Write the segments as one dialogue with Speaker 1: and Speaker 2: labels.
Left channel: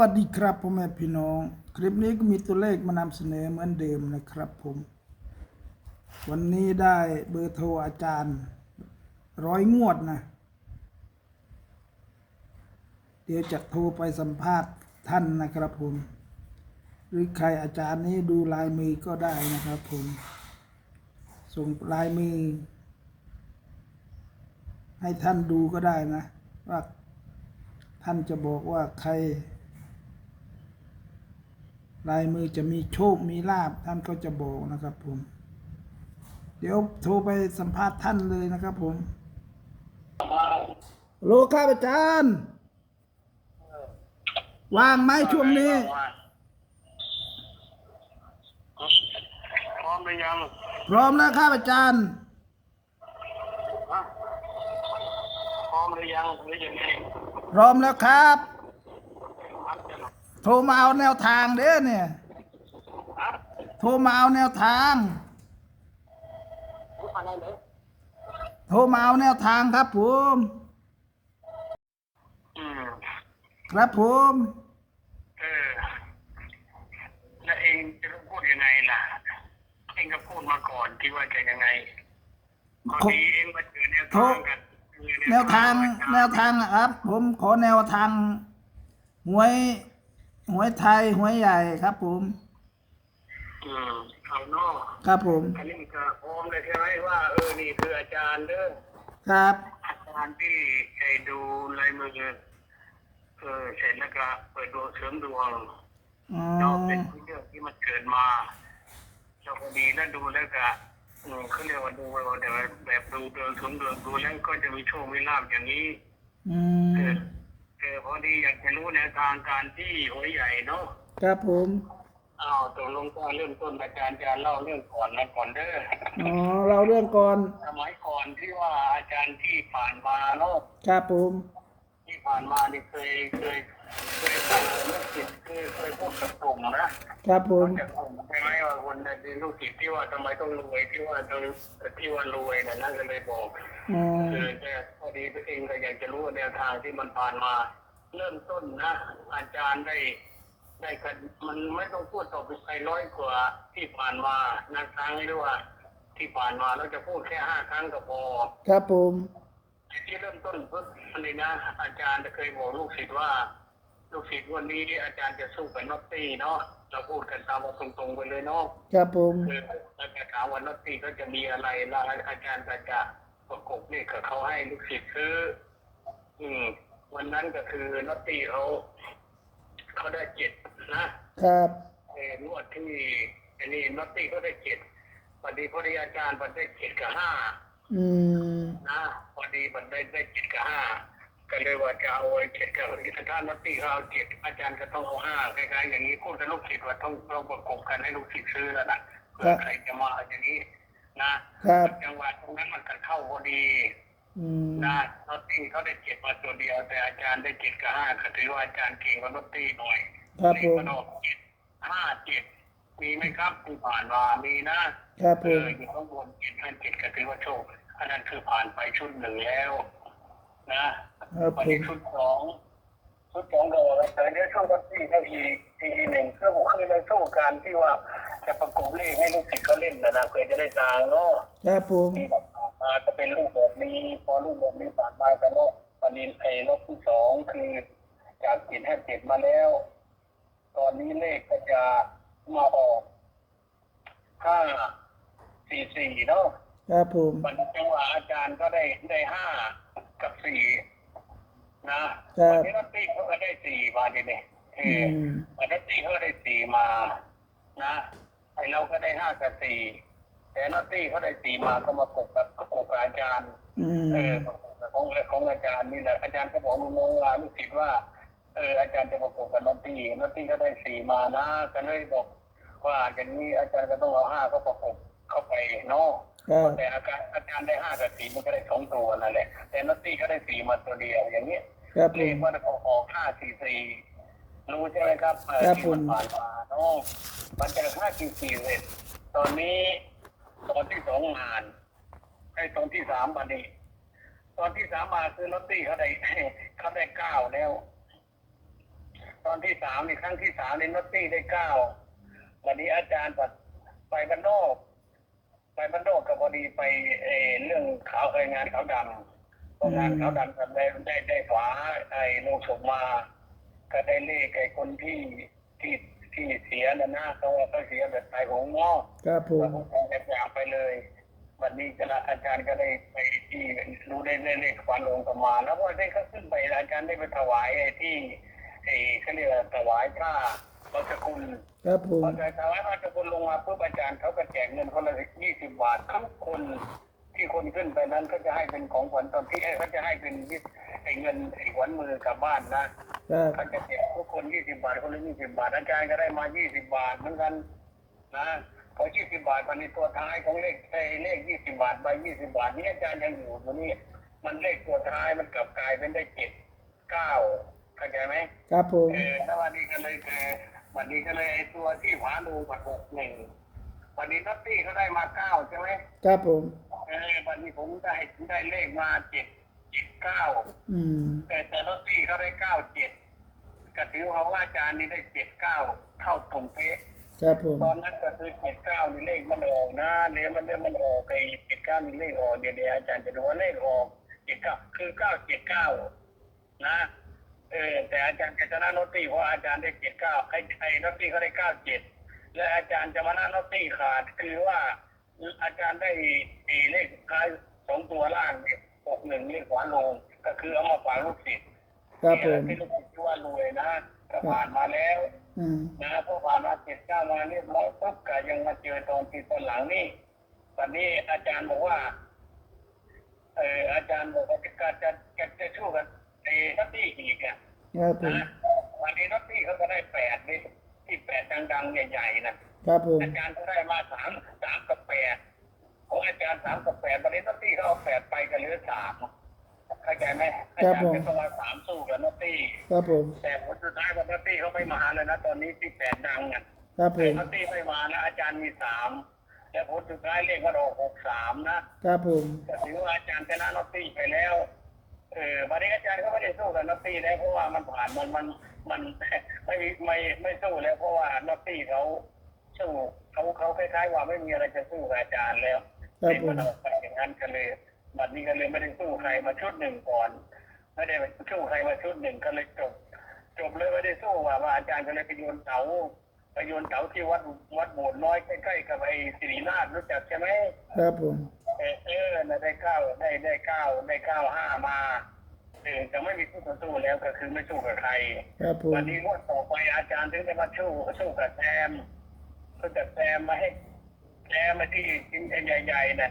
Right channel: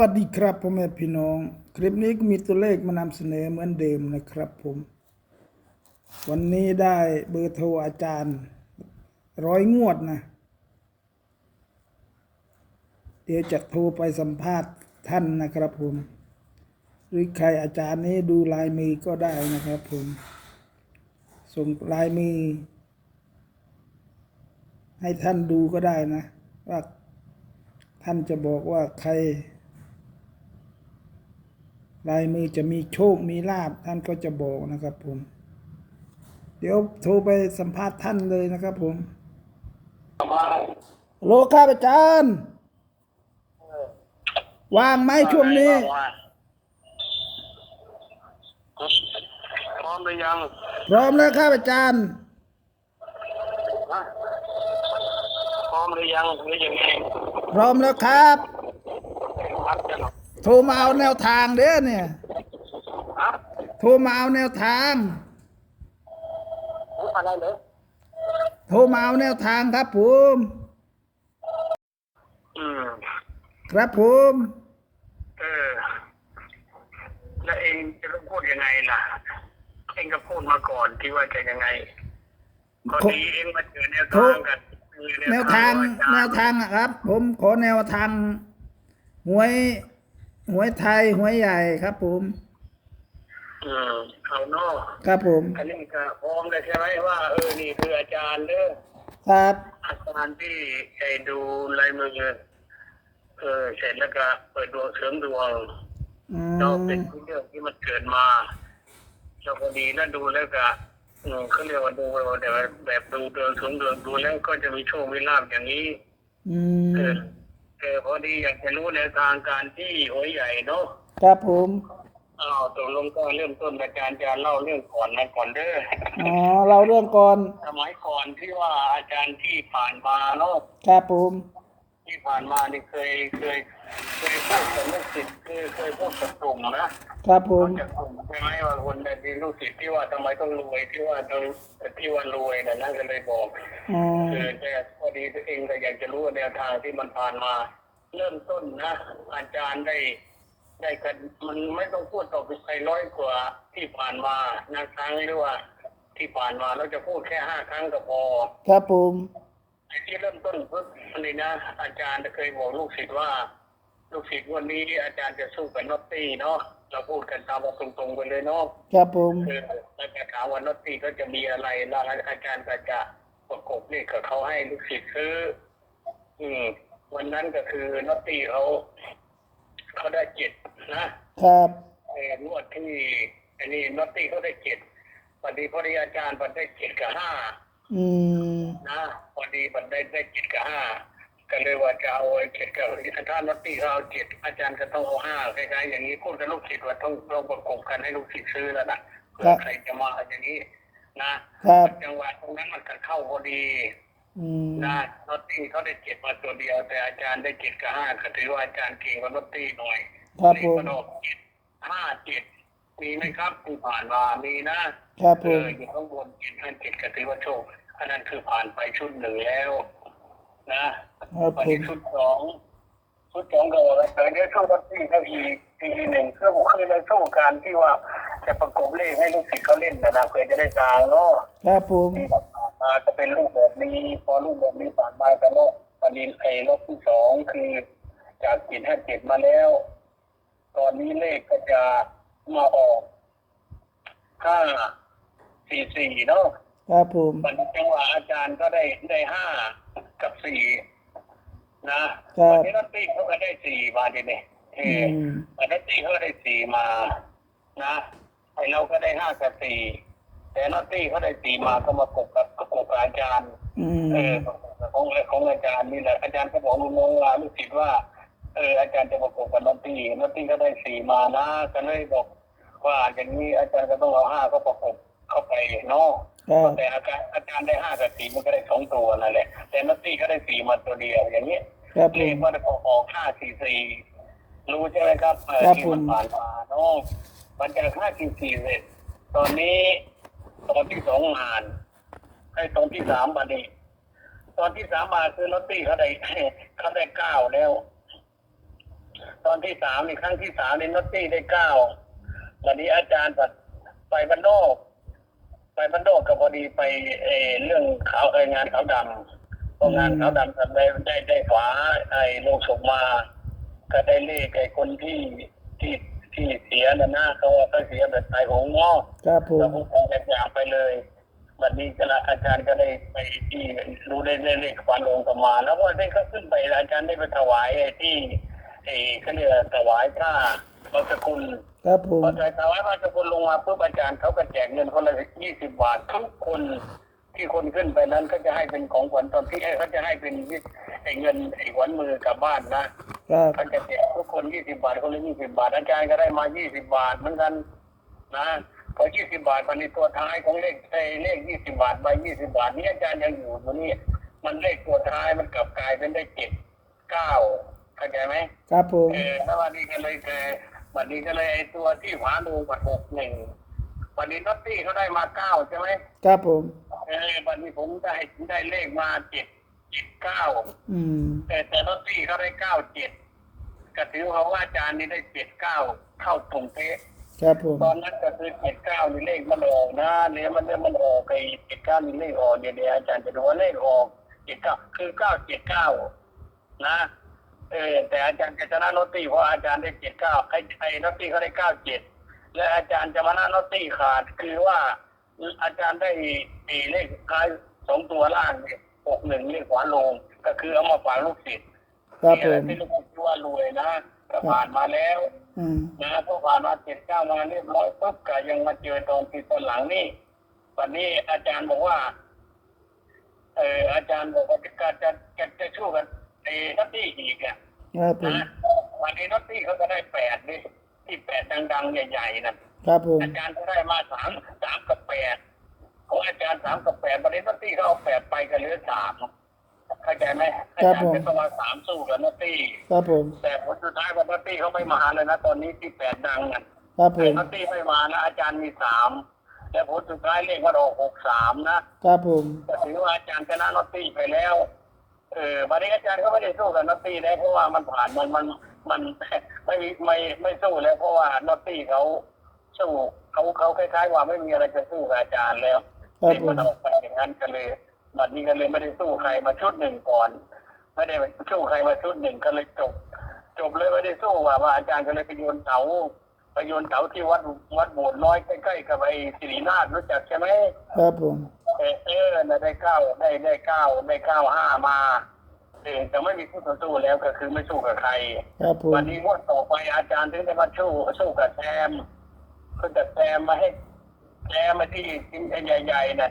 Speaker 1: วัสดีครับพ่อแม่พี่น้อง คลิปนี้ก็มีตัวเลขมานำเสนอเหมือนเดิมนะครับผม วันนี้ได้เบอร์โทรอาจารย์ ร้อยงวดนะ เดี๋ยวจะโทรไปสัมภาษณ์ท่านนะครับผม หรือใครอาจารย์นี้ดูลายมือก็ได้นะครับผม ส่งลายมือ ให้ท่านดูก็ได้นะ ว่าท่านจะบอกว่าใคร ลายมือจะมีโชคมีลาบท่านก็จะบอกนะครับผม เดี๋ยวโทรไปสัมภาษณ์ท่านเลยนะครับผมโลครับอาจารย์ว่างไหมช่วงนี้
Speaker 2: พร้อมหรือยัง
Speaker 1: พร้อมแล้วครับอาจารย์
Speaker 2: ฮะพร้อมหรือยังหรือยังไง
Speaker 1: พร้อมแล้วครับ
Speaker 2: ครับจะ
Speaker 1: โทรมาเอาแนวทางเด้อเนี่ย
Speaker 2: ครับ
Speaker 1: โทรมาเอาแนวทาง
Speaker 2: อะไรเลย
Speaker 1: โทรมาเอาแนวทางครับผม
Speaker 2: อืม
Speaker 1: ครับผม
Speaker 2: เออ แล้วเองจะต้องพูดยังไงล่ะ เองก็พูดมาก่อนที่ว่าจะยังไงพอดีเองมาเจอแนวทางกันเออ
Speaker 1: แนวทาง แนวทางอะครับ ผมขอแนวทางหวย หวยไทยหวยใหญ่ครับผม
Speaker 2: อืมเอาเนอก
Speaker 1: ครับผม
Speaker 2: อันนี้ก็พร้อมเลยใช่ไหมว่าเออนี่คืออาจารย์เด้อ
Speaker 1: ครับ
Speaker 2: อาจารย์ที่ไอ้ดูลายมือเออเสร็จแล้วก็เปิดดวงเสริมดวง
Speaker 1: อื
Speaker 2: เราเป็
Speaker 1: ม
Speaker 2: นเรื่องที่มันเกิดมาเราพอดีแล้วดูแล้วก็อืมเขาเรียกว่าดูแบบแบบดูเดินสมเดินดูแล้วก็จะมีโชคมีลาบอย่างนี้
Speaker 1: อื
Speaker 2: เอ
Speaker 1: ม
Speaker 2: อ เออพอดีอยากจะรู้ในวทางการที่หัวใหญ่เนาะ
Speaker 1: ครับผม
Speaker 2: อ้าวตกลงก็เริ่มต้นในการจะเล่าเรื่องก่อนนะก่อนเด้อ
Speaker 1: อ๋อเราเรื่องก่อน
Speaker 2: สมัยก่อนที่ว่าอาจารย์ที่ผ่านมาเนาะ
Speaker 1: ครับผม
Speaker 2: ที่ผ่านมานี่เคยเคยเคยพูดกับ ลูกศิษย์คือเคยพูดกับกลุ่มนะครับ
Speaker 1: ผม
Speaker 2: จากกลุ่มใช่ไหมว่าคนในที่ลูกศิษย์ที่ว่าทำไมต้องรวยที่ว่าต้องที่ว่ารวยนะนั่นก็เลยบอก
Speaker 1: อืม
Speaker 2: คือแต่พอดีตัวเองก็อยากจะรู้แนวทางที่มันผ่านมา เริ่มต้นนะ อาจารย์ได้ ได้กันมันไม่ต้องพูดต่อไปใครร้อยกว่าที่ผ่านมานะครั้งหรือว่า ที่ผ่านมาเราจะพูดแค่ห้าครั้งก็พอ
Speaker 1: ครับผม
Speaker 2: ที่เริ่มต้นปุ๊บอันนี้นะ อาจารย์เคยบอกลูกศิษย์ว่า ลูกศิษย์วันนี้อาจารย์จะสู้กับนอตตี้เนาะเราพูดกันตามว่าตรงๆไปเลยเนาะ
Speaker 1: ครับผม
Speaker 2: คือแล้วแต่ถามว่านอตตี้ก็จะมีอะไรแล้วอาจารย์ก็จะประกบนี่กับเขาให้ลูกศิษย์ซื้อ อืม วันนั้นก็คือนอตตี้เขาเขาได้เจ็ดนะครับเออนวดที่อันนี้นอตตี้เขาได้เจ็ดพอดีพอดีอาจารย์มันได้เจ็ดกับห้า
Speaker 1: อืม
Speaker 2: นะพอดีมันได้ได้เจ็ดกับห้า ก็เลยว่าจะเอาไอ้เจ็ดกับถ้านัตตี้เขาเอาเจ็ดอาจารย์ก็ต้องเอาห้าคล้ายๆอย่างนี้พูดกับลูกศิษย์ว่าต้องต้องประกบกันให้ลูกศิษย์ซื้อแล้วนะเพื่อใครจะมาอย่างนี้นะครับจังหวะตรงนั้นมันก็เข้าพอดี
Speaker 1: อืม
Speaker 2: นะนัตตี้เขาได้เจ็ดมาตัวเดียว แต่อาจารย์ได้เจ็ดกับห้าก็ถือว่าอาจารย์เก่งกว่านัตตี้หน่อย
Speaker 1: ครับผม
Speaker 2: นี่ก็ออกเจ็ดห้าเจ็ดมีไหมครับที่ผ่านมามีนะ
Speaker 1: ครับผ
Speaker 2: เอ
Speaker 1: ม
Speaker 2: ออยู่ข้างบนเจ็ดห้าเจ็ดก็ถือว่าโชคอันนั้นคือผ่านไปชุดหนึ่งแล้ว นะครับวัน
Speaker 1: ผ
Speaker 2: นี้
Speaker 1: ม
Speaker 2: ชุดสองชุดสองก็แต่เนี้ยช่วงรถที่ก็อีกทีหนึ่งเครื่องคือในช่วงการที่ว่าจะประกบเลขให้ลูกศิษย์เขาเล่นนะนะเพื่อจะได้ตางเนาะ
Speaker 1: ครับผม
Speaker 2: ที่ผ่านมาจะเป็นรูปแบบนี้พอรูปแบบนี้ผ่านมาแต่เนาะวันนี้ไอ้รอบที่สองคือจากเจ็ดห้าเจ็ดมาแล้ว ตอนนี้เลขก็จะมาออกห้าสี่สี่เนาะ
Speaker 1: ครับผม
Speaker 2: วันนี้จังหวะอาจารย์ก็ได้ได้ห้า กับสี่นะครับวันนี้นัตตี้เขาก็ได้สี่มาดิเนี่ยเอ
Speaker 1: อื
Speaker 2: อ
Speaker 1: ม
Speaker 2: วันนัตตี้เขาก็ได้สี่มา นะไอเราก็ได้ห้ากับสี่แต่นัตตี้เขาได้สี่มาก็มากบกับกบกับอาจารย์
Speaker 1: อืม
Speaker 2: เออของของอาจารย์นี่แหละอาจารย์ก็บอกลูกน้องว่าลูกศิษย์ว่าเอออาจารย์จะประกบกับนัตตี้นัตตี้ก็ได้สี่มานะก็เลยบอกว่าอย่างนี้อาจารย์ก็ต้องเอาห้าก็ประกบ เข้าไปเนาะ
Speaker 1: ครับ
Speaker 2: แต่อาจารย์อาจารย์ได้ห้ากับสี่มันก็ได้สองตัวนั่นแหละ แต่นัตตี้ก็ได้สี่มาตัวเดียวอย่างนี้
Speaker 1: ครับผ
Speaker 2: เลข
Speaker 1: ม
Speaker 2: มันออกออกห้าสี่สี่รู้ใช่ไหมครับเออ
Speaker 1: ครับ
Speaker 2: ที่มัน
Speaker 1: ผม
Speaker 2: ผ่านมาเนาะมันจะห้าสี่สี่เสร็จ ตอนนี้ตอนที่สองงานให้ตอนที่สามมานี่ตอนที่สามมาคือนัตตี้เขาได้เขาได้เก้าแล้ว ตอนที่สามนี่ครั้งที่สามนี่นอตตี้ได้เก้าวันนี้อาจารย์แบบไปบ้านนอก ไปบ้านนอกก็พอดีไปเออเรื่องขาวเอองานขาวดำพองานขาวดำทำได้ได้ได้ฝาไอ้โลงศพมาก็ได้เลขไอ้คนที่ที่ที่เสียนะหน้าเขาว่าเขาเสียแบบตายโหงงอ
Speaker 1: ครับผ
Speaker 2: แล้ว
Speaker 1: ม
Speaker 2: ผมออกแบบอย่างไปเลยวันนี้ก็ละอาจารย์ก็ได้ไปที่รู้ได้ได้เลขฟันลงประมาณแล้วก็ได้ก็ขึ้นไปอาจารย์ได้ไปถวายไอ้ที่ไอ้เขาเรียกว่าถวายค่า บัสกุล
Speaker 1: ครับผม
Speaker 2: พอถวายบัสกุลลงมาปุ๊บอาจารย์เขาก็แจกเงินคนละยี่สิบบาททุกคนที่คนขึ้นไปนั้นก็จะให้เป็นของขวัญตอนที่เอ้ยเขาจะให้เป็นไอ้เงินไอ้ขวัญมือกลับบ้านนะ
Speaker 1: ครับ
Speaker 2: ท่านจะแจกทุกคนยี่สิบาทคนละยี่สิบาทอาจารย์ก็ได้มายี่สิบาทเหมือนกันนะพอยี่สิบาทมันในตัวท้ายของเลขไอ้เลขยี่สิบาทใบยี่สิบาทนี่อาจารย์ยังอยู่ตัวนี้มันเลขตัวท้ายมันกลับกลายเป็นได้เจ็ดเก้าเข้าใจไหม
Speaker 1: ครับผม
Speaker 2: เออแล้ววันนี้ก็เลยแก วันนี้ก็เลยไอ้ตัวที่ฝาโลงมาหกหนึ่งวันนี้นัตตี้เขาได้มาเก้าใช่ไหม
Speaker 1: ครับผม
Speaker 2: เออวันนี้ผมได้ได้เลขมาเจ็ดเจ็ดเก้า
Speaker 1: อืม
Speaker 2: แต่แต่ลอตเตอรี่เขาได้เก้าเจ็ดก็ถือว่าว่าอาจารย์นี่ได้เจ็ดเก้าเข้าตรงเป๊ะ
Speaker 1: ครับผม
Speaker 2: ตอนนั้นก็คือเจ็ดเก้านี่เลขมันออกนะเนี่ยมันเนี่ยมันออกไอ้เจ็ดเก้านี่เลขออกเดี๋ยวเดี๋ยวอาจารย์จะดูว่าเลขออกเจ็ดเก้าคือเก้าเจ็ดเก้านะ เออแต่อาจารย์จะชนะลอตเตอรี่เพราะอาจารย์ได้เจ็ดเก้าไอ้ไอ้ลอตเตอรี่เขาได้เก้าเจ็ดและอาจารย์จะมาหน้าลอตเตอรี่ขาดคือว่า อาจารย์ได้ไอ้เลขท้ายสองตัวล่างเนี่ยหกหนึ่งเลขขวาลง ก็คือเอามาฝากลูกศิษย์
Speaker 1: ครับผม
Speaker 2: ที่ลูกคิดว่ารวยนะก็ผ่านมาแล้ว
Speaker 1: อืม
Speaker 2: นะพอผ่านมาเจ็ดเก้ามาเรียบร้อยปุ๊บก็ยังมาเจอตอนที่ตอนหลังนี่วันนี้อาจารย์บอกว่าเอออาจารย์บอกว่าจะจะจะจะช่วยกัน ไอ้นัตตี้อีกอะ
Speaker 1: ครับผม
Speaker 2: นะวันนี้นัตตี้เขาก็ได้แปดนี่ที่แปดดังๆ ใหญ่ๆนะครับ
Speaker 1: ผม
Speaker 2: อาจารย์ก็ได้มาสามสามกับแปดของอาจารย์สามกับแปดวันนี้นัตตี้เขาเอาแปดไปกันเหลือสามเข้าใจไหมอาจารย์เป็นตัวสามสู้กับนัตตี้
Speaker 1: ครับผม
Speaker 2: แต่ผลสุดท้ายวันนัตตี้เขาไม่มาเลยนะตอนนี้ที่แปดดังอะ
Speaker 1: ครับผ
Speaker 2: แต่
Speaker 1: ม
Speaker 2: นัตตี้ไม่มานะอาจารย์มีสามแต่ผลสุดท้ายเลขมันออกหกสามนะครับ
Speaker 1: ผม
Speaker 2: ก็ถือว่าอาจารย์ชนะนัตตี้ไปแล้ว เออวันนี้อาจารย์ก็ไม่ได้สู้กับนัตตี้แล้วเพราะว่ามันผ่านมันมันมันไม่มีไม่ไม่สู้แล้วเพราะว่านัตตี้เขาสู้เขาเขาคล้ายๆว่าไม่มีอะไรจะสู้กับอาจารย์แล้ว
Speaker 1: ครับ
Speaker 2: เลข
Speaker 1: ผ
Speaker 2: มั
Speaker 1: ม
Speaker 2: นออกไปอย่างนั้นก็เลยบัดนี้ก็เลยไม่ได้สู้ใครมาชุดหนึ่งก่อน ไม่ได้สู้ใครมาชุดหนึ่งก็เลยจบ จบเลยไม่ได้สู้ว่าว่าอาจารย์ก็เลยไปโยนเสา ไปโยนเสาที่วัดวัดโบสถ์น้อยใกล้ๆกับไอ้สิรินาถรู้จักใช่ไหม
Speaker 1: ครับผม
Speaker 2: เออเออน่ะได้เก้าได้ได้เก้าได้เก้าห้ามาเออแต่ไม่มีคู่ต่อสู้แล้วก็คือไม่สู้กับใคร
Speaker 1: ครับผม
Speaker 2: วันนี้งวดต่อไปอาจารย์ถึงได้มาสู้สู้กับแซมคือแต่แซมมาให้แซมมาที่กินใหญ่ๆน่ะ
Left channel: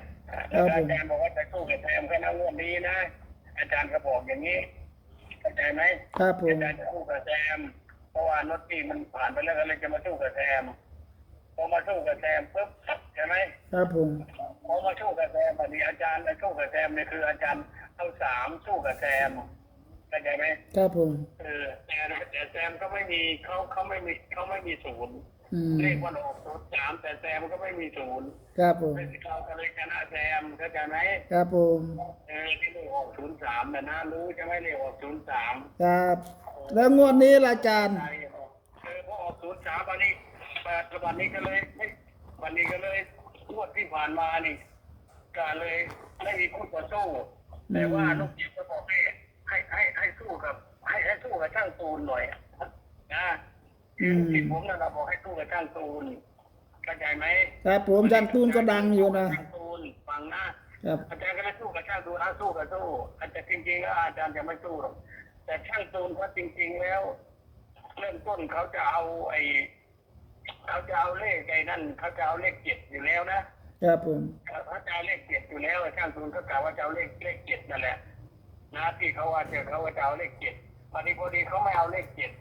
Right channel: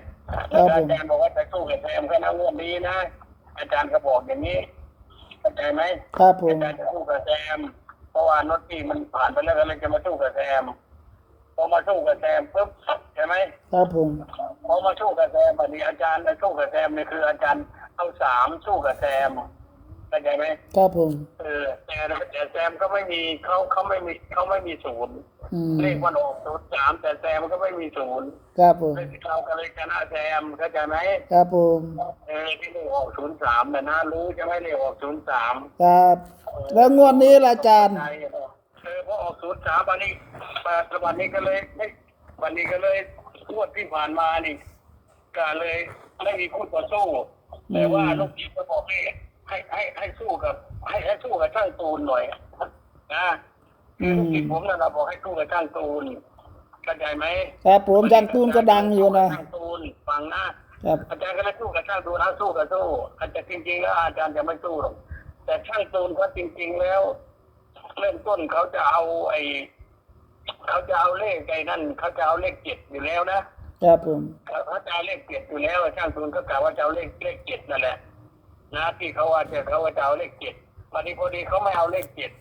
Speaker 2: แล้วอาจารย์บอกว่าจะสู้กับแซมแค่นั้นงวดนี้นะอาจารย์ก็บอกอย่างนี้เข้าใจไหม
Speaker 1: ครับผม
Speaker 2: อาจารย์จะสู้กับแซม เพราะว่านอตตี้มันผ่านไปแล้วก็เลยจะมาสู้กับแซมพอมาสู้กับแซมปุ๊บใช่ไหม
Speaker 1: ครับผม
Speaker 2: พอมาสู้กับแซมอันนี้อาจารย์สู้กับแซมเนี่ยคืออาจารย์เอาสามสู้กับแซมเข้าใจไหม
Speaker 1: ครับผม
Speaker 2: เออแต่แต่แซมก็ไม่มีเขาเขาไม่มีเขาไม่มีศูนย์
Speaker 1: อืม
Speaker 2: เลขมันออกศูนย์สามแต่แซมก็ไม่มีศูนย์
Speaker 1: ครับผม
Speaker 2: เราก็เลยชนะแซมเข้าใจไหม
Speaker 1: ครับผม
Speaker 2: เออที่เลขออกศูนย์สามแต่นะรู้ใช่ไหมเลขออกศูนย์สาม
Speaker 1: ครับ แล้วงวดนี้ล่ะอาจารย์
Speaker 2: เออพอออกศูนย์สามวันนี้วันนี้ก็เลยไม่วันนี้ก็เลยงวดที่ผ่านมานี่ก็เลยไม่มีคู่ต่อสู้แต่ว่าลูกจิตก็บอกให้ให้ให้ให้สู้กับ ให้ให้สู้กับช่างตูนหน่อยนะ คือลูกจิตผมนะเราบอกให้สู้กับช่างตูนเข้าใจไหม
Speaker 1: ครับผมจังตูนก็ดังอยู่นะ
Speaker 2: ช่างตูนฟังนะครับ อาจารย์ก็เลยสู้กับช่างตูนนะสู้กับสู้อาจจะจริงๆแล้วอาจารย์จะไม่สู้หรอกแต่ช่างตูนเขาจริง ๆ แล้ว เริ่มต้นเขาจะเอาไอ้เขาจะเอาเลขไอ้นั่นเขาจะเอาเลขเจ็ดอยู่แล้วนะครับ
Speaker 1: ผม
Speaker 2: เขาจะเอาเลขเจ็ดอยู่แล้วช่างตูนก็กล่าวว่าจะเอาเลขเลขเจ็ดนั่นแหละนะที่เขาว่าจะเขาว่าจะเอาเลขเจ็ดวันนี้พอดีเขาไม่เอาเลขเจ็ด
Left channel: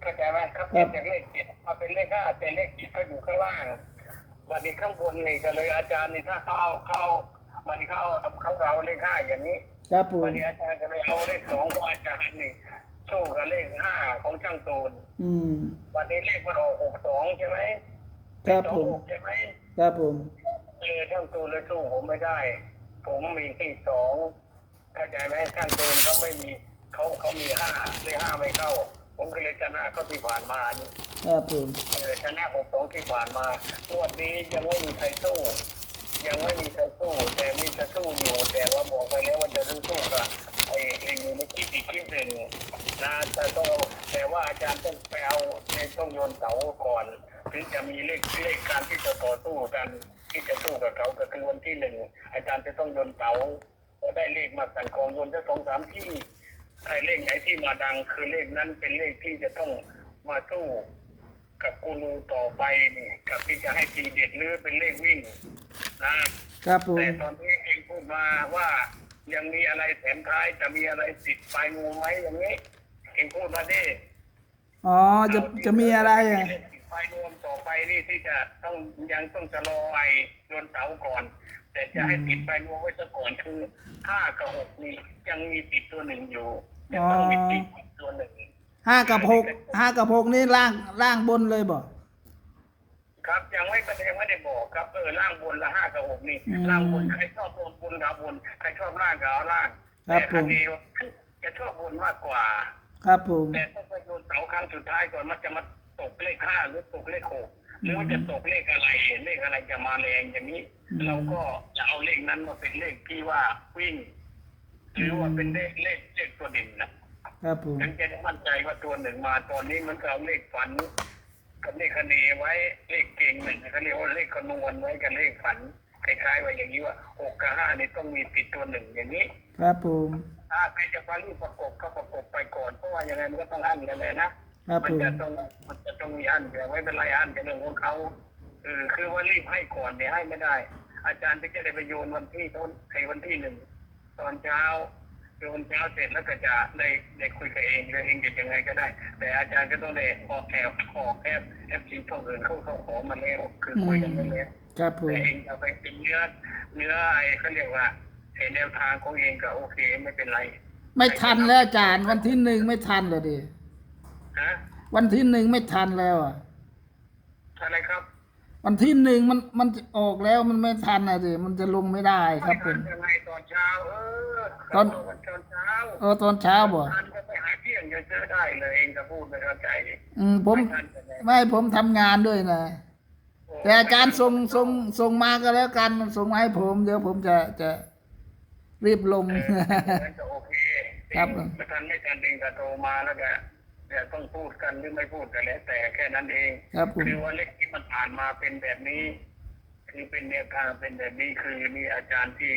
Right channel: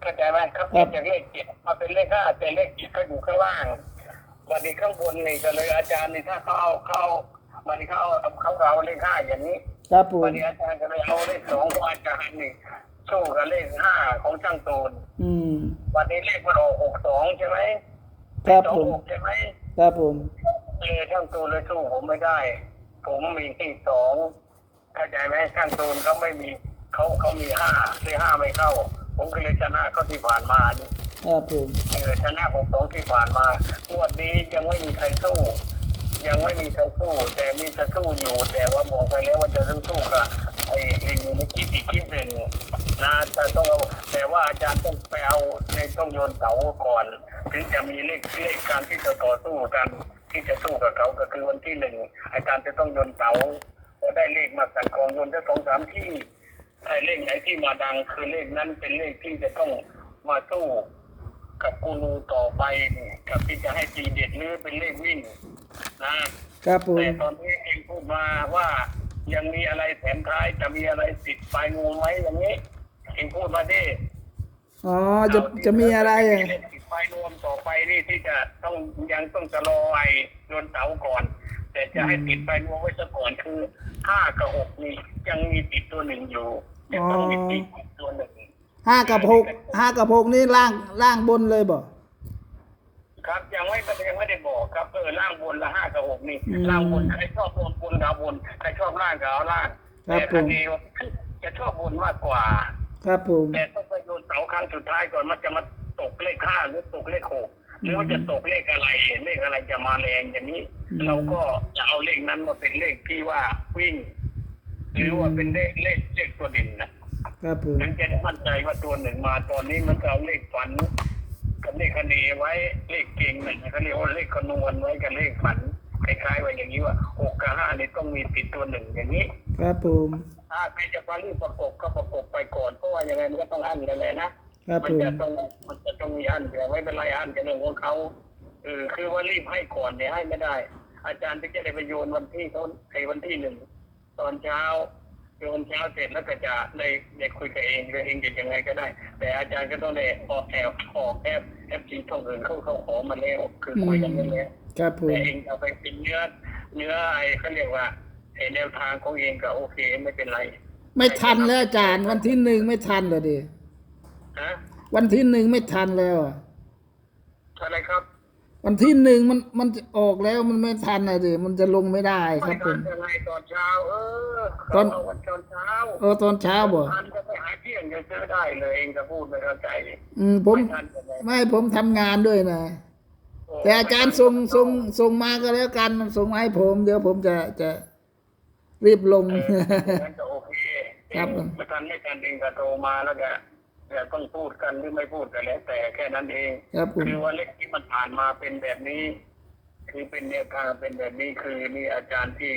Speaker 2: เข้าใจไหมเขาเปลี่ยนจากเลขเจ็ดมาเป็นเลขห้าแต่เลขเจ็ดก็อยู่ข้างล่างวันนี้ข้างบนนี่ก็เลยอาจารย์นี่ถ้าเขาเอาเขาเอาวันนี้เขาเอาเขาเอาเลขห้าอย่างนี้
Speaker 1: ครับผม
Speaker 2: วันนี้อาจารย์ก็เลยเอาเลขสองของอาจารย์นี่สู้กับเลขห้าของช่างตูน
Speaker 1: อืม
Speaker 2: วันนี้เลขมันออกหกสองใช่ไหม
Speaker 1: ครับ
Speaker 2: สอง
Speaker 1: ผม
Speaker 2: หกใช่ไหม
Speaker 1: ครับผม
Speaker 2: เออช่างตูนเลยสู้ผมไม่ได้ ผมมีที่สองเข้าใจไหมช่างตูนเขาไม่มีเขาเขามีห้าเลขห้าไม่เข้า ผมก็เลยชนะเขาที่ผ่านมานี่
Speaker 1: ครับผม
Speaker 2: เออชนะหกสองที่ผ่านมางวดนี้ยังไม่มีใครสู้ ยังไม่มีใครสู้ แต่มีจะสู้อยู่ แต่ว่าบอกไปแล้วว่าจะต้องสู้กับไอ้ไอ้อยู่ในคิดอีกคิดหนึ่งนะแต่ต้องเอาแต่ว่าอาจารย์ต้องไปเอาในต้องโยนเสาก่อน ถึงจะมีเลขเลขการที่จะต่อสู้กัน ที่จะสู้กับเขาก็คือวันที่หนึ่งอาจารย์จะต้องโยนเสาพอได้เลขมาสั่งกองโยนจะสองสามที่ ไอ้เลขไหนที่มาดังคือเลขนั้นเป็นเลขที่จะต้องมาสู้กับกูรูต่อไปนี่กับที่จะให้ทีเด็ดหรือเป็นเลขวิ่งนะครับ
Speaker 1: ผม
Speaker 2: แต่ตอนนี้เองพูดมาว่ายังมีอะไรแถมท้ายจะมีอะไรติดปลายงูไหมอย่างนี้เองพูดมาดิ
Speaker 1: อ๋อจะจะมีอะไรอะ
Speaker 2: เลขติดปลายนวมต่อไปนี่ที่จะต้องยังต้องจะรอไอ้โยนเสาก่อน แต่จะให้ติดปลายนวมไว้ซะก่อนคือห้ากับหกนี่ยังมีติดตัวหนึ่งอยู่ยังต้องมีติดตัวหนึ่ง
Speaker 1: ห้ากับหกห้ากับหกนี่ล่างล่างบนเลยบ่
Speaker 2: ครับยังไม่ยังไม่ได้บอกครับเออล่างบนละห้ากับหกนี่
Speaker 1: อืม
Speaker 2: ล่างบนใครชอบบนบนกับเอาบนใครชอบล่างกับเอาล่าง
Speaker 1: ครับ
Speaker 2: แต่
Speaker 1: ผม
Speaker 2: คันนี้จะชอบบนมากกว่า
Speaker 1: ครับผม
Speaker 2: แต่ต้องไปโยนเสาครั้งสุดท้ายก่อนมันจะมาตกเลขห้าหรือตกเลขหก หรือว่าจะตกเลขอะไรเลขอะไรจะมาแรงอย่างนี้ เราก็จะเอาเลขนั้นมาเป็นเลขที่ว่าวิ่ง หรือว่าเป็นเลขเลขเลขตัวเด่นนะครับ
Speaker 1: ผม
Speaker 2: ถึงจะได้มั่นใจว่าตัวหนึ่งมาตอนนี้มันก็เอาเลขฝันกับเลขคณีไว้เลขเก่งหนึ่งเขาเรียกว่าเลขคำนวณไว้กับเลขฝันคล้ายๆว่าอย่างนี้ว่าหกกับห้านี่ต้องมีติดตัวหนึ่งอย่างนี้
Speaker 1: ครับผม
Speaker 2: ถ้าใครจะฟังรีบประกบก็ประกบไปก่อนเพราะว่ายังไงมันก็ต้องอั้นกันเลยนะ ครับมั
Speaker 1: ผม
Speaker 2: จะต้องมันจะต้องมีอั้นแต่ไม่เป็นไรอั้นเป็นเรื่องของเขาเออคือว่ารีบให้ก่อนเนี่ยให้ไม่ได้ อาจารย์ที่จะได้ไปโยนวันที่เขาไอ้วันที่หนึ่งตอนเช้าโยนเช้าเสร็จแล้วก็จะได้ได้คุยกับเองหรือเองจะยังไงก็ได้ แต่อาจารย์ก็ต้องได้ออกแอบออกแอบแอบซีท่องอื่นเขาเขาขอมาแล้วคือคุยกันไปแล้ว
Speaker 1: ครับผม
Speaker 2: แต่เองเอาไปเป็นเนื้อเนื้อไอ้เขาเรียกว่าไอ้แนวทางของเองก็โอเคไม่เป็นไร
Speaker 1: ไม่ทันแล้วอาจารย์วันที่หนึ่งไม่ทันเลยดิ
Speaker 2: ฮะ
Speaker 1: วันที่หนึ่งไม่ทันแล้วอะ
Speaker 2: อะไรครับ
Speaker 1: วันที่หนึ่งมันมันจะออกแล้วมันไม่ทันอะดิมันจะลงไม่ได้ค
Speaker 2: ไม่
Speaker 1: รับผ
Speaker 2: ทัน
Speaker 1: ม
Speaker 2: ยังไงตอนเช้า เออ
Speaker 1: ตอน
Speaker 2: เอาวันตอนเช้า
Speaker 1: เออตอนเช้าบ่
Speaker 2: ทันก็ไปหาเที่ยงจะซื้อได้เลยเองก็พูดไม่เข้าใจ
Speaker 1: อืมผม
Speaker 2: ไม่ทันยังไง
Speaker 1: ไม่ผมทำงานด้วยนะ
Speaker 2: โอ้
Speaker 1: แต่อาจารย์ส่งส่งส่งมาก็แล้วกันส่งมาให้ผม เดี๋ยวผมจะจะรีบลง
Speaker 2: เอออย่างนั้นก็โอเค
Speaker 1: ครับ
Speaker 2: เองไม่ทันไม่ทันเองก็โทรมาแล้วก็ เดี๋ยวต้องพูดกันหรือไม่พูดกันแล้ว แต่แค่นั้นเอง
Speaker 1: ครับผม
Speaker 2: คือว่าเลขที่มันผ่านมาเป็นแบบนี้ คือเป็นแนวทางเป็นแบบนี้คือมีอาจารย์ที่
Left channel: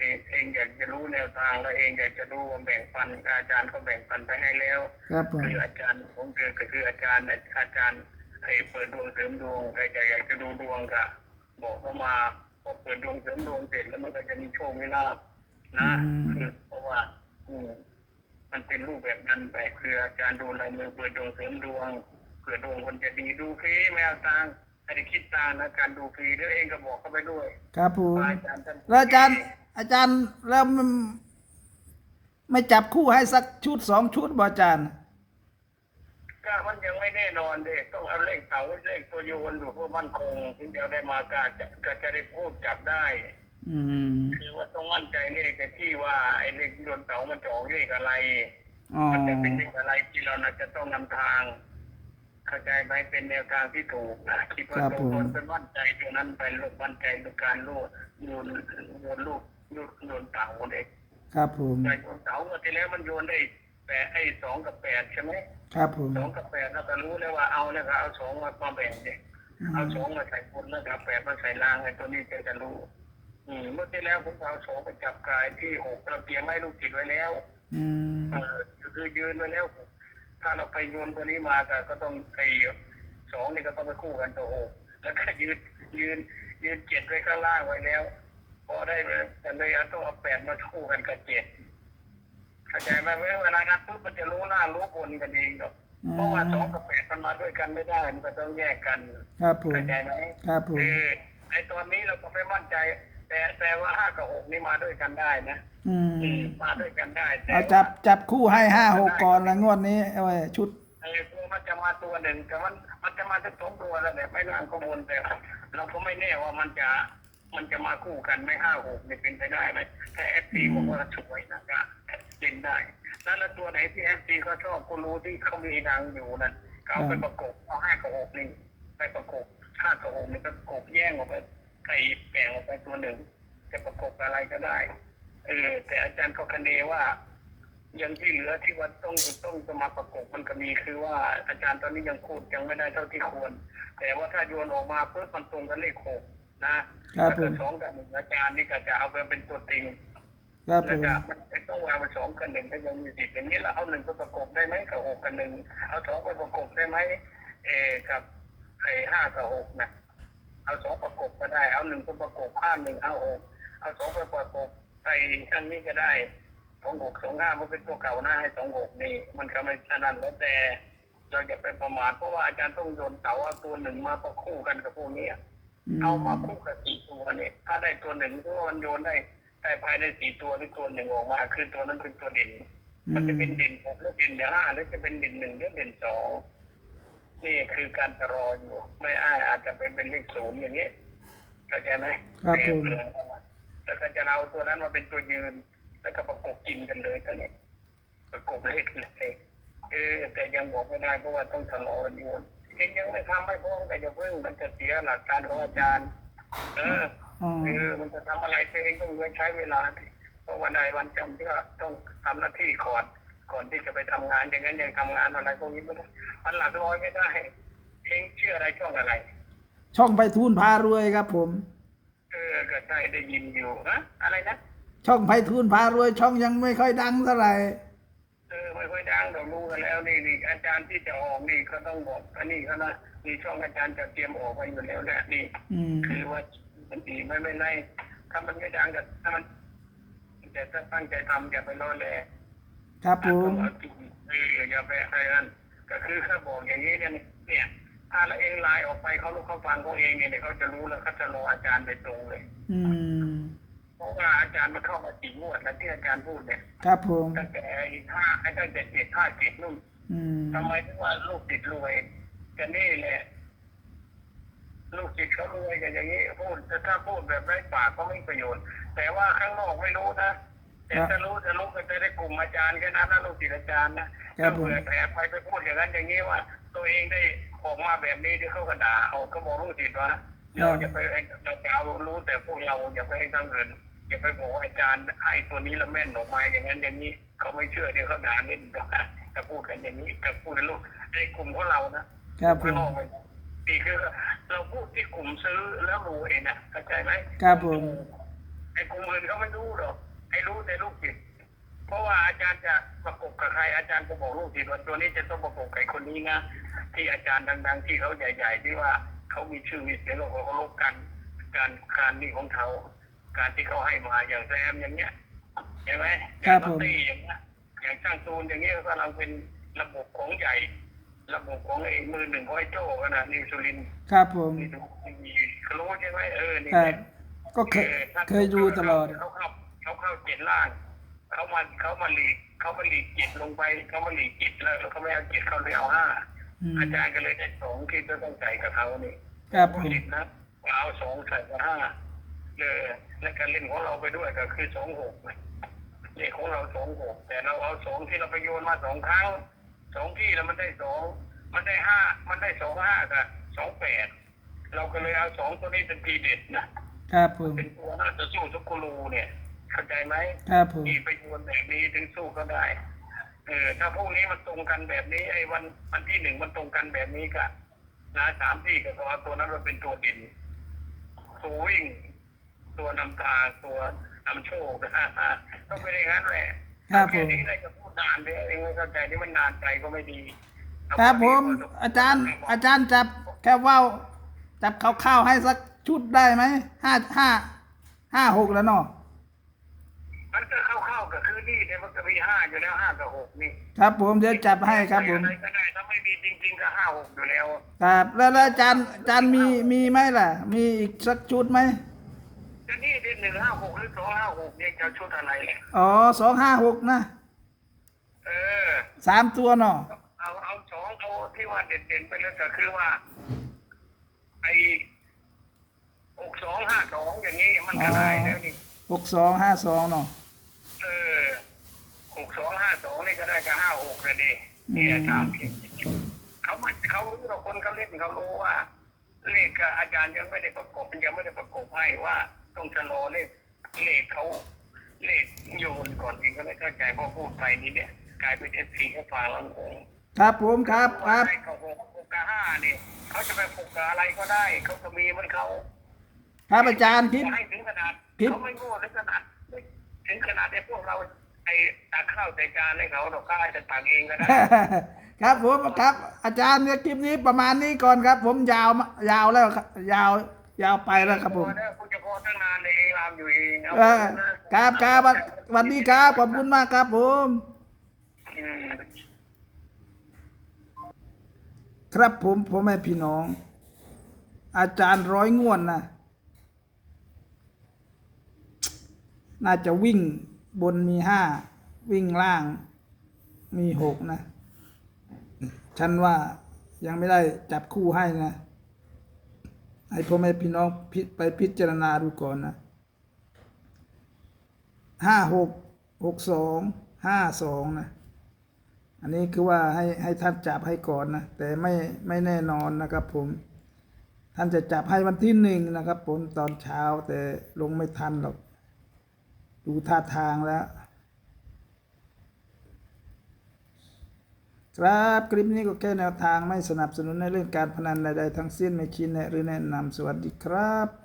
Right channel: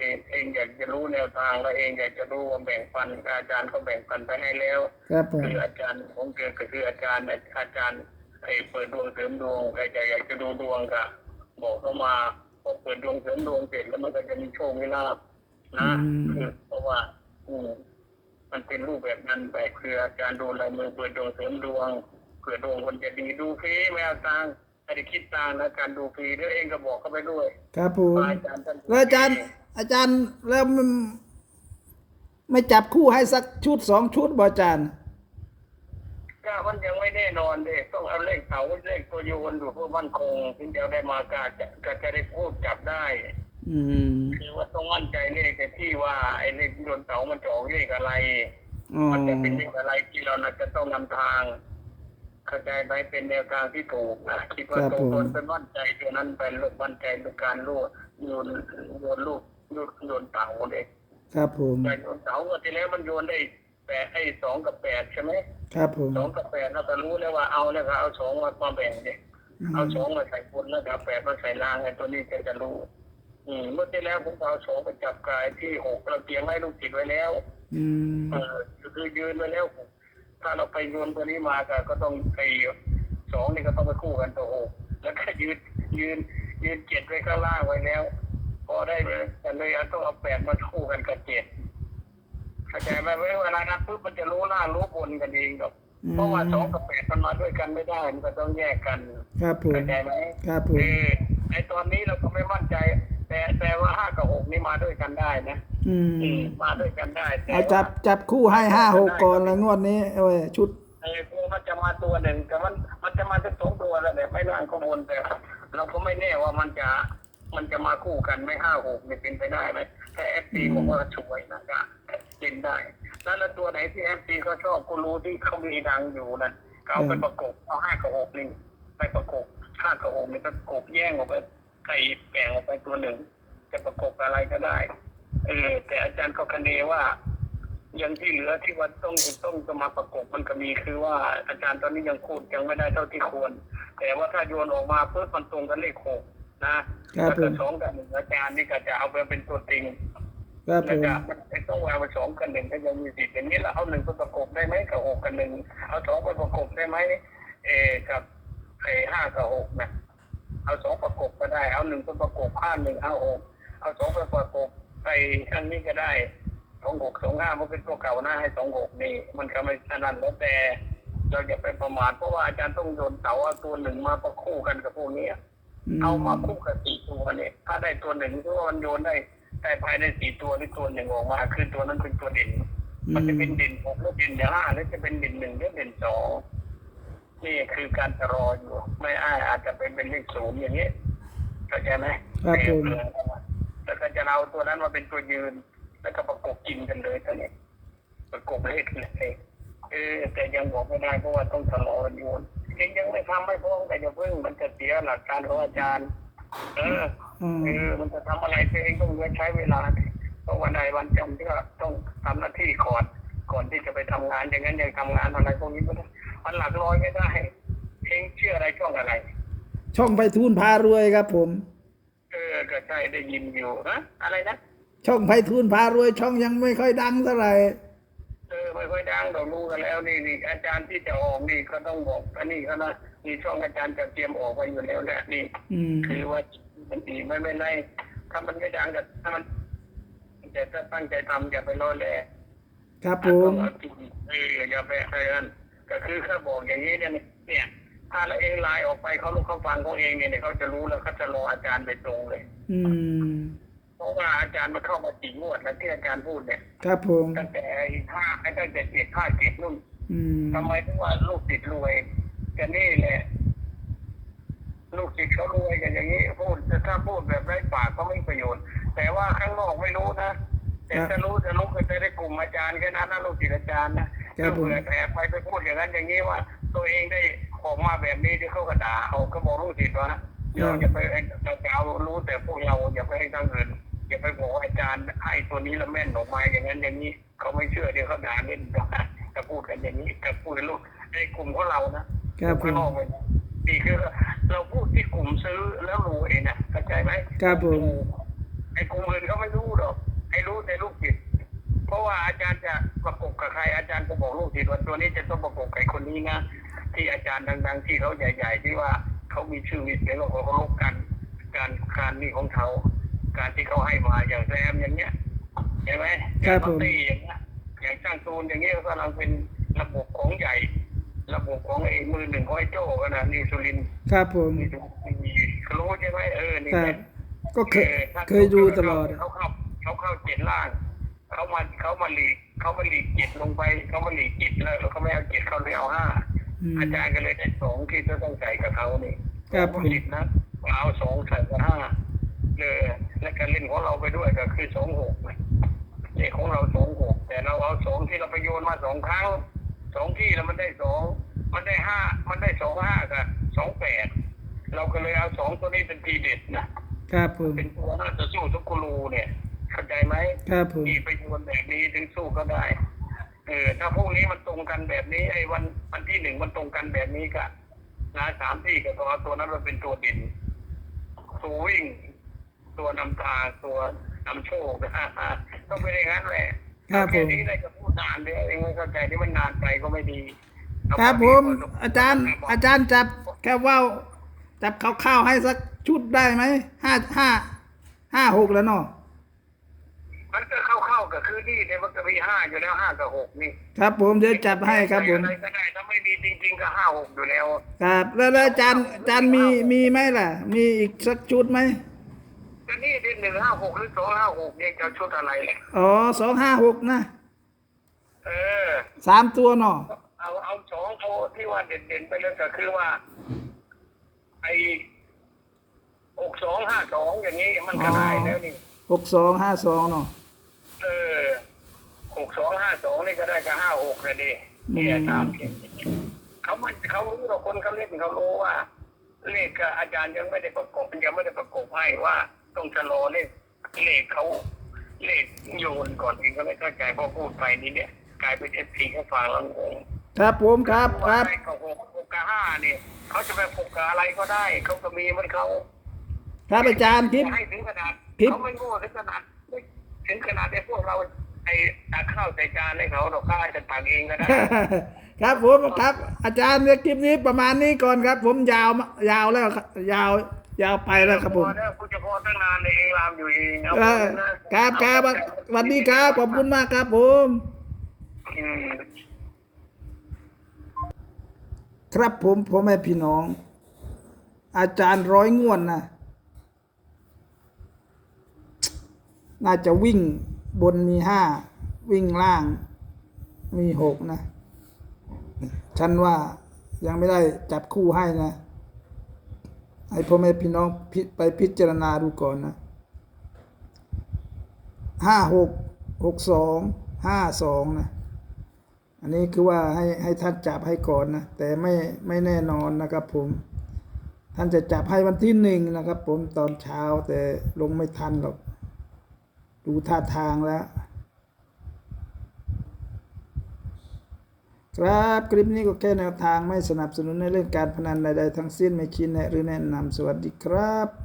Speaker 2: เองเองอยากจะรู้แนวทางแล้วเองอยากจะรู้ว่าแบ่งปันอาจารย์เขาแบ่งปันไปให้แล้ว
Speaker 1: ครับผม
Speaker 2: คืออาจารย์ของเกิดก็คืออาจารย์อาจารย์ไอ้เปิดดวงเสริมดวงใครจะอยากจะดูดวงก็บอกเข้ามาพอเปิดดวงเสริมดวงเสร็จแล้วมันก็จะมีโชคมีลาภนะคือเพราะว่าอืม มันเป็นรูปแบบนั้นไปคืออาจารย์ดูลายมือเปิดดวงเสริมดวงเผื่อดวงคนจะดีดูฟรีไม่เอาตังค์ไม่ได้คิดตังค์นะการดูฟรีด้วยเองก็บอกเข้าไปด้วย
Speaker 1: ครับผม
Speaker 2: ว่าอาจารย์ท่านดู
Speaker 1: แล้วอาจารย์ อาจารย์แล้วมันไม่จับคู่ให้สักชุดสองชุดบ่อาจารย์
Speaker 2: ก็มันยังไม่แน่นอนเด็กต้องเอาเลขเสาเลขตัวโยนอยู่เพื่อมั่นคงถึงเดียวได้มากาจะก็จะได้พูดจับได้
Speaker 1: อืม
Speaker 2: คือว่าต้องมั่นใจเลขที่ว่าไอ้เลขโยนเสามันจะออกเลขอะไร
Speaker 1: อ๋อ
Speaker 2: มันจะเป็นเลขอะไรที่เราน่าจะต้องนำทาง เข้าใจไหมเป็นแนวทางที่ถูกนะคิดว่าตรงตนเป็นมั่นใจตัวนั้นไปลูกมั่นใจในการลูกโยนโยนลูกโยนโยนเต่าเด็ก
Speaker 1: ครับผม
Speaker 2: แต่โยนเต่าเมื่อที่แล้วมันโยนได้แปดไอ้สองกับแปดใช่ไหม
Speaker 1: ครับผม
Speaker 2: สองกับแปดเราก็รู้แล้วว่าเอาแล้วก็เอาสองมามาแบ่งเด็กเอาสองมาใส่บนแล้วก็เอาแปดมาใส่ล่างไอ้ตัวนี้จะจะรู้ อืมเมื่อที่แล้วผมเอาสองไปจับกายที่หกเราเตรียมให้ลูกจิตไว้แล้ว
Speaker 1: อืม
Speaker 2: เออคือยืนไว้แล้วถ้าเราไปโยนตัวนี้มาก็ก็ต้องไอ้สองนี่ก็ต้องไปคู่กันตัวหกแล้วก็ยืนยืนยืนเจ็ดไว้ข้างล่างไว้แล้วพอได้เลยแต่เลยเอาต้องเอาแปดมาคู่กันกับเจ็ดเข้าใจไหมเวลานั้นปุ๊บมันจะรู้ล่างรู้บนกันเองหรอกเพราะว่าสองกับแปดมันมาด้วยกันไม่ได้ มันก็ต้องแยกกัน
Speaker 1: ครับผม
Speaker 2: เข้าใจไหม
Speaker 1: ครับผม
Speaker 2: เออไอตอนนี้เราก็ไม่มั่นใจ แต่แต่ว่าห้ากับหกนี่มาด้วยกันได้นะ
Speaker 1: อื
Speaker 2: อื
Speaker 1: ม
Speaker 2: มมาด้วยกันได้แต่
Speaker 1: เอาจับจับคู่ให้ห้าหกก่อนแล้วงวดนี้เอาไว้ชุด
Speaker 2: ไอ้พวกมันจะมาตัวหนึ่งแต่มันมันจะมาสักสองตัวแล้วแต่ไม่ร่างข้างบนแต่เราก็ไม่แน่ว่ามันจะมันจะมาคู่กันไม่ห้าหกนี่เป็นไปได้ไหมถ้าเอฟซีบอกว่าสวยนะก็เล่นได้แล้วแล้วตัวไหนที่เอฟซีเขาชอบกูรู้ที่เขามีดังอยู่นั่นก็เอาไปประกบเอาห้ากับหกนี่ไปประกบห้ากับหกนี่ก็ประกบแย่งออกไป ใส่แบ่งออกไปตัวหนึ่ง จะประกบอะไรก็ได้เออแต่อาจารย์ก็คะเนว่ายังที่เหลือที่ว่าต้องต้องจะมาประกบมันก็มีคือว่าอาจารย์ตอนนี้ยังพูดยังไม่ได้เท่าที่ควร แต่ว่าถ้าโยนออกมาเพื่อมันตรงกันเลขหกนะครับแล้ว
Speaker 1: ผ
Speaker 2: ก็
Speaker 1: ม
Speaker 2: สองกับหนึ่งอาจารย์นี่ก็จะเอาไปเป็นตัวติง
Speaker 1: ครับผ
Speaker 2: แล้ว
Speaker 1: ม
Speaker 2: ก็มันไม่ต้องเอาไปสองกับหนึ่งก็ยังมีสิทธิ์อย่างนี้แล้วเอาหนึ่งไปประกบได้ไหมกับหกกับหนึ่งเอาสองไปประกบได้ไหมเออกับไอ้ห้ากับหกนะ เอาสองประกบก็ได้ เอาหนึ่งไปประกบห้าหนึ่งห้าหกเอาสองไปประกบไปทางนี้ก็ได้สองหกสองห้ามันเป็นตัวเก่าหน้าให้สองหกนี่ มันก็ไม่ฉะนั้นแล้วแต่เราอย่าไปประมาทเพราะว่าอาจารย์ต้องโยนเสาเอาตัวหนึ่งมาประคู่กันกับพวกนี้เอามาคู่กับสี่ตัวเนี่ยถ้าได้ตัวหนึ่งก็มันโยนได้แต่ภายในสี่ตัวหรือตัวหนึ่งออกมาคือตัวนั้นเป็นตัวเด่นมันจะเป็นเด่นหกหรือเด่นห้าหรือจะเป็นเด่นหนึ่งหรือเด่นสอง นี่คือการจะรออยู่ ไม่อ้ายอาจจะเป็นเป็นเลขศูนย์อย่างนี้เข้าใจไหม
Speaker 1: ครับผม
Speaker 2: แล้วก็จะเอาตัวนั้นมาเป็นตัวยืน แล้วก็ประกบกินกันเลยตอนนี้ประกบเลขเลยเออแต่ยังบอกไม่ได้เพราะว่าต้องชะลอโยนเองยังไม่ทำไม่พร้อมแต่อย่าเพิ่งมันจะเสียหลักการของอาจารย์ เออ
Speaker 1: อ๋อ
Speaker 2: เออมันจะทำอะไรตัวเองต้องใช้เวลาเพราะวันใดวันจำที่ก็ต้องทำหน้าที่ก่อน ก่อนที่จะไปทำงานอย่างนั้นยังทำงานอะไรพวกนี้ไม่ได้มันหลักร้อยไม่ได้เองเชื่ออะไรช่องอะไร
Speaker 1: ช่องไปทูนพารวยครับ ผม
Speaker 2: เออก็ใช่ได้ยินอยู่นะอะไรนะ
Speaker 1: ช่องไพฑูรย์พารวย ช่องยังไม่ค่อยดังเท่าไหร่
Speaker 2: เออไม่ค่อยดังเรารู้กันแล้วนี่นี่อาจารย์ที่จะออกนี่ก็ต้องบอกอันนี้เขานะนี่ช่องอาจารย์จะเตรียมออกไปอยู่แล้วแหละนี่
Speaker 1: อืม
Speaker 2: คือว่ามันดีไม่ไม่ไรถ้ามันไม่ดังก็ถ้ามันแต่ถ้าตั้งใจทำอย่าไปรอแล
Speaker 1: ครับผม
Speaker 2: เอออย่าไปอะไรนั่นก็คือเขาบอกอย่างนี้เนี่ยเนี่ย ถ้าเราเองไลน์ออกไปเขาลูกเขาฟังเขาเองเนี่ยเนี่ยเขาจะรู้แล้วเขาจะรออาจารย์ไปตรงเลย
Speaker 1: อืม
Speaker 2: เพราะว่าอาจารย์มาเข้ามาสี่งวดแล้วที่อาจารย์พูดเนี่ย
Speaker 1: ครับผม
Speaker 2: ตั้งแต่ห้าตั้งแต่เจ็ดห้าเจ็ดนู่น
Speaker 1: อืม
Speaker 2: ทำไมถึงว่าลูกติดรวยกันนี่แหละลูกติดเขารวยกันอย่างนี้พูดถ้าพูดแบบไร้ปากก็ไม่มีประโยชน์ แต่ว่าข้างนอกไม่รู้นะ แต่จะรู้จะรู้ก็จะได้กลุ่มอาจารย์แค่นั้นนะลูกศิษย์อาจารย์นะ
Speaker 1: ครั
Speaker 2: ก็
Speaker 1: บผม
Speaker 2: เผื่อแต่ไปไปพูดอย่างนั้นอย่างนี้ว่า ตัวเองได้ออกมาแบบนี้ที่เขาก็ด่าเอาก็บอกลูกศิษย์ว่าเราอย่าไปเราจะเอารู้แต่พวกเราอย่าไปให้ทางอื่นอย่าไปบอกว่าอาจารย์ให้ตัวนี้แล้วแม่นออกมาอย่างนั้นอย่างนี้เขาไม่เชื่อเดี๋ยวเขาด่าเล่นจะพูดกันอย่างนี้จะพูดในลูกในกลุ่มของเรานะครับ
Speaker 1: ผ
Speaker 2: ข้าง
Speaker 1: ม
Speaker 2: นอกไปนี่คือเราพูดที่กลุ่มซื้อแล้วรวยนะเข้าใจไหม
Speaker 1: ครับผม
Speaker 2: ไอ้กลุ่มอื่นเขาไม่รู้หรอก ไอ้รู้แต่ลูกศิษย์เพราะว่าอาจารย์จะประกบกับใครอาจารย์ก็บอกลูกศิษย์ว่าตัวนี้จะต้องประกบกับไอ้คนนี้นะที่อาจารย์ดัง ๆ ที่เขาใหญ่ ๆ ที่ว่าเขามีชื่อมีเสียงแล้วเขาเคารพกันการการนี่ของเขาการที่เขาให้มาอย่างแซมอย่างเงี้ยเห็นไหม
Speaker 1: ครับผม
Speaker 2: อย่างตี้อย่างเงี้ยอย่างช่างตูนอย่างเงี้ยก็กำลังเป็นระบบของใหญ่ ระบบของไอ้มือหนึ่งของไอ้โจ้กันนะนิวซูลิน
Speaker 1: ครับผม
Speaker 2: นี่ดูมีรู้ใช่ไหมเออนี่
Speaker 1: ครับ
Speaker 2: แหละ
Speaker 1: ก็เคยเคยดูตลอด
Speaker 2: เขาเข้า เขาเข้าเจ็ดล่าง เขามาเขามาหลีกเขามาหลีกจิตลงไป เขามาหลีกจิตแล้วแล้วเขาไม่เอาเจ็ดเขาเลยเอาห้า
Speaker 1: อืม
Speaker 2: อาจารย์ก็เลยได้สองที่จะต้องใส่กับเขานี่
Speaker 1: ครับผม
Speaker 2: ผิดนะเอาสองใส่กับห้าเออและการเล่นของเราไปด้วยก็คือสองหกนี่ของเราสองหกแต่เราเอาสองที่เราไปโยนมาสองครั้งสองที่แล้วมันได้สองมันได้ห้ามันได้สองห้ากับสองแปดเราก็เลยเอาสองตัวนี้เป็นทีเด็ดนะครับ
Speaker 1: ผม
Speaker 2: เป็นตัวน่าจะสู้ทุกกูรูเนี่ย เข้าใจไหม
Speaker 1: ครับผม
Speaker 2: ที่ไปโยนแบบนี้ถึงสู้ก็ได้ เออ ถ้าพวกนี้มันตรงกันแบบนี้ไอ้วันวันที่หนึ่งมันตรงกันแบบนี้ก็นะสามที่ก็ต้องเอาตัวนั้นมาเป็นตัวเด่นตัววิ่ง ตัวนำทางตัวนำโชคนะฮะต้องเป็นอย่างนั้นแหละ
Speaker 1: ครับผ
Speaker 2: แค่
Speaker 1: ม
Speaker 2: นี้เลยจะพูดนานเลยเองไม่เข้าใจที่มันนานไปก็ไม่ดีเอา
Speaker 1: ครับ
Speaker 2: พ
Speaker 1: ผ
Speaker 2: อ
Speaker 1: ม
Speaker 2: ดีพสคว
Speaker 1: อาจารย์ อาจารย์จับแค่ว่าวจับคร่าวๆให้สักชุดได้ไหมห้าห้าห้าหกแล้วเนาะ
Speaker 2: มันก็เข้าๆกับคือนี่เนี่ยมันก็มีห้าอยู่แล้วห้ากับหกนี่
Speaker 1: ครับผมเดี๋ยวจับให้ครับผม
Speaker 2: อะไรก็ได้ถ้าไม่มีจริงๆก็ห้าหกอยู่แล้ว
Speaker 1: ครับแล้วแล้วอาจารย์อาจารย์มีมีไหมล่ะ มีอีกสักชุดไหม
Speaker 2: ก็นี่เป็นหนึ่งห้าหกหรือสองห้าหกเนี่ยจะชุดอะไรเนี่ย
Speaker 1: อ๋อสองห้าหกนะ
Speaker 2: เออ
Speaker 1: สามตัวเนาะ
Speaker 2: เอาเอาสองเอาที่ว่าเด่นๆไปเลยก็คือว่า ไอ้หกสองห้าสองอย่างนี้มันก็ได้แล้วนี่
Speaker 1: หกสองห้าสองเนาะ
Speaker 2: เออหหกสองห้าสองนี่ก็ได้กับห้าหกเลยดิเนี่ยตามที่เขามันเขารู้เราคนเขาเล่นเขารู้ว่าเลขกับอาจารย์ยังไม่ได้ประกบยังไม่ได้ประกบให้ว่าต้องชะลอเลขเลขเขาเลขโยนก่อนเองก็ไม่เข้าใจพอพูดไปนี่เนี่ย กลายเป็นเอฟซีเขาฟังแล้วงง
Speaker 1: ครับผมครับครับ
Speaker 2: ว่าไอ้เขาหกหกกับห้าเนี่ยเขาจะไปหกกับอะไรก็ได้เขาก็มีเหมันเขา
Speaker 1: ครับอาจารย์คิด
Speaker 2: ให้ถึงขนาด
Speaker 1: คิด
Speaker 2: เขาไม่โง่ถึงขนาดไม่ ถึงขนาดไอ้พวกเราไอ้ตักข้าวใส่จานให้เขาเราข้าจะตักเองก็ได้
Speaker 1: ครับผมครับ อาจารย์เนี่ยคลิปนี้ประมาณนี้ก่อนครับ ผมยาวมายาวแล้วครับยาวยาวไปแล้วครับผม
Speaker 2: พอแล้วกูจะพอตั้งนานเลยเองรามอยู่เองเอา
Speaker 1: เออครับครับสวัสดีครับขอบคุณมากครับผม
Speaker 2: อืม
Speaker 1: ครับผมพ่อแม่พี่น้อง อาจารย์ร้อยงวดนะ น่าจะวิ่งบนมีห้าวิ่งล่างมีหกนะ ฉันว่ายังไม่ได้จับคู่ให้นะ ให้พ่อแม่พี่น้องพิไปพิจารณาดูก่อนนะห้าหกหกสองห้าสองนะ อันนี้คือว่าให้ให้ท่านจับให้ก่อนนะ แต่ไม่ไม่แน่นอนนะครับผม ท่านจะจับให้วันที่หนึ่งนะครับผมตอนเช้าแต่ลงไม่ทันหรอก ดูท่าทางแล้ว ครับคลิปนี้ก็แค่แนวทางไม่สนับสนุนในเรื่องการพนันใดๆทั้งสิ้นไม่คิดแนะหรือแนะนำสวัสดีครับ